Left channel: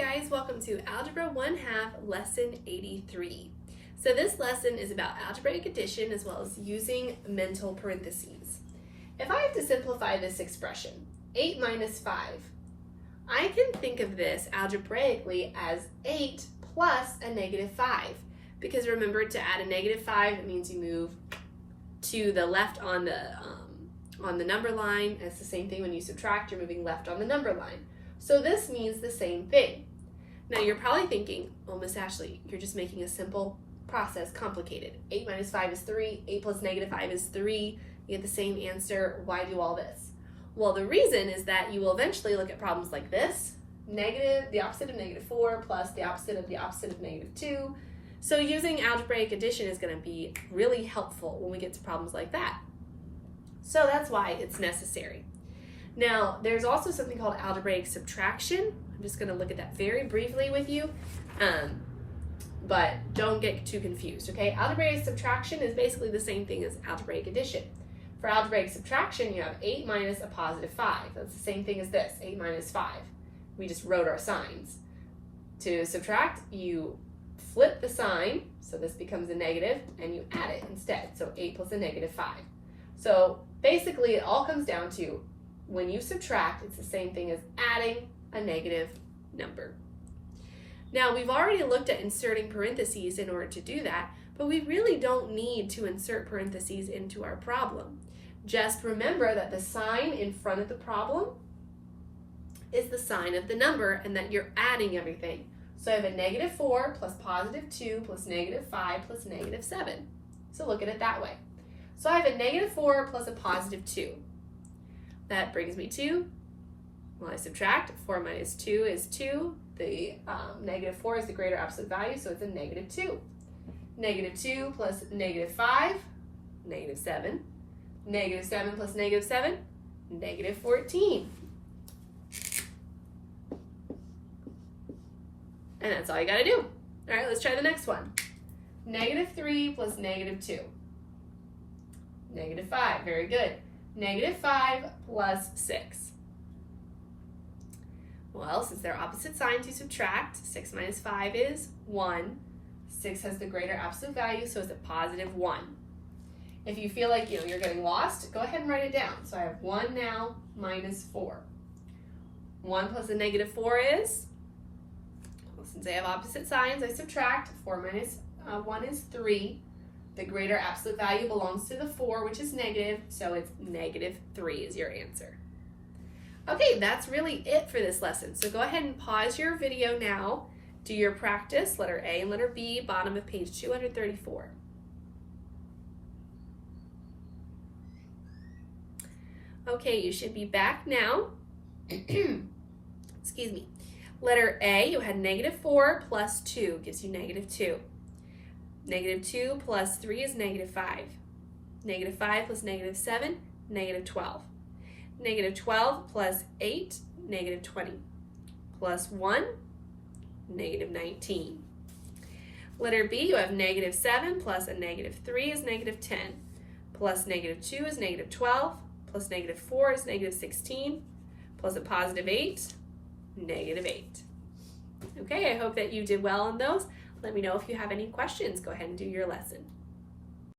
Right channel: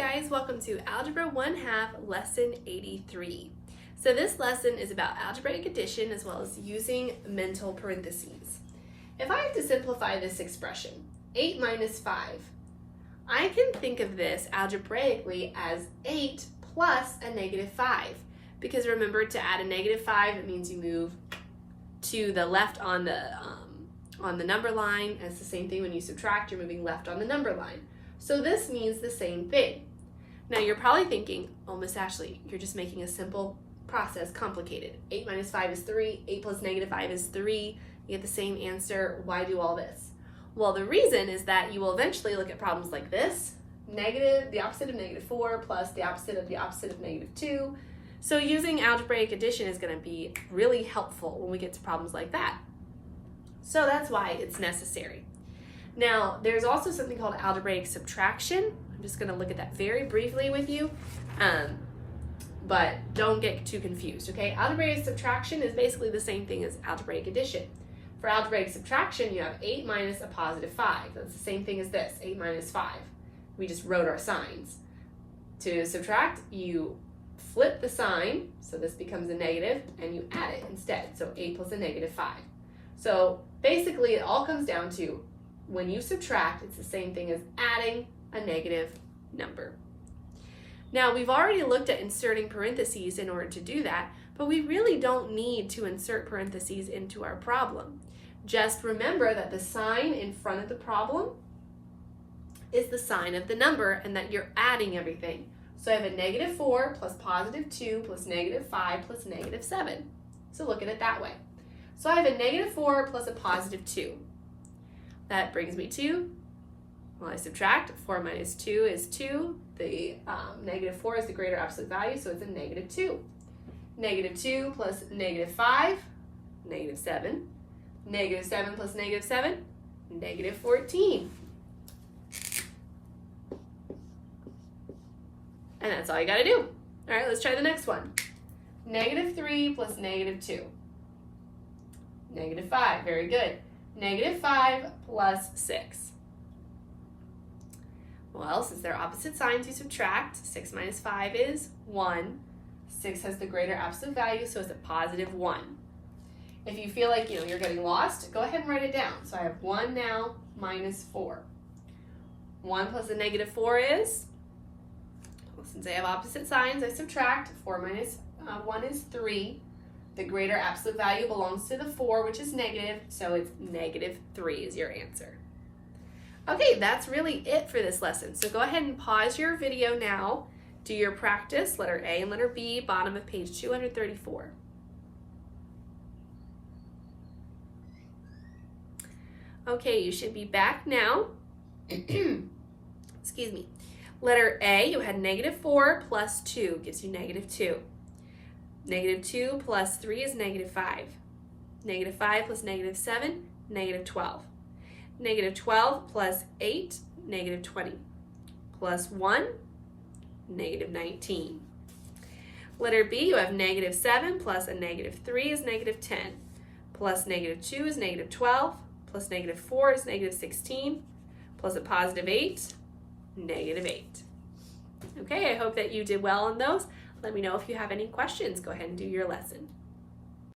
guys, welcome to Algebra 1/2 Lesson 83. So this lesson is about algebraic addition as well as using mental parentheses. If I have to simplify this expression, 8 minus 5, I can think of this algebraically as 8 plus a negative 5. Because remember, to add a negative 5, it means you move to the left on the number line. And it's the same thing when you subtract, you're moving left on the number line. So this means the same thing. Now you're probably thinking, oh, Miss Ashley, you're just making a simple process complicated. 8 minus 5 is 3, 8 plus negative 5 is 3, you get the same answer, why do all this? Well, the reason is that you will eventually look at problems like this, the opposite of negative 4 plus the opposite of negative 2. So using algebraic addition is going to be really helpful when we get to problems like that. So that's why it's necessary. Now, there's also something called algebraic subtraction. I'm just going to look at that very briefly with you, but don't get too confused, okay? Algebraic subtraction is basically the same thing as algebraic addition. For algebraic subtraction, you have 8 minus a positive 5. That's the same thing as this, 8 minus 5. We just wrote our signs. To subtract, you flip the sign, so this becomes a negative, and you add it instead, so 8 plus a negative 5. So basically, it all comes down to when you subtract, it's the same thing as adding a negative number. Now, we've already looked at inserting parentheses in order to do that, but we really don't need to insert parentheses into our problem. Just remember that the sign in front of the problem is the sign of the number and that you're adding everything. So I have a negative 4 plus positive 2 plus negative 5 plus negative 7. So look at it that way. So I have a negative 4 plus a positive 2. That brings me to, well, I subtract, 4 minus 2 is 2. The negative 4 is the greater absolute value, so it's a negative 2. Negative 2 plus negative 5, negative 7. Negative 7 plus negative 7, negative 14. And that's all you gotta do. All right, let's try the next one. Negative 3 plus negative 2. Negative 5, very good. Negative 5 plus 6. Well, since they're opposite signs, you subtract. 6 minus 5 is 1. 6 has the greater absolute value, so it's a positive 1. If you feel like you're getting lost, go ahead and write it down. So I have 1 now minus 4. 1 plus a negative 4 is, well, since I have opposite signs, I subtract. 4 minus 1 is 3. The greater absolute value belongs to the 4, which is negative, so it's negative 3 is your answer. Okay, that's really it for this lesson. So go ahead and pause your video now. Do your practice, letter A and letter B, bottom of page 234. Okay, you should be back now. Excuse me. Letter A, you had negative 4 plus 2 gives you negative 2. Negative 2 plus 3 is negative 5. Negative 5 plus negative 7, negative 12. Negative 12 plus 8, negative 20. Plus 1, negative 19. Letter B, you have negative 7 plus a negative 3 is negative 10. Plus negative 2 is negative 12. Plus negative 4 is negative 16. Plus a positive 8, negative 8. Okay, I hope that you did well on those. Let me know if you have any questions. Go ahead and do your lesson.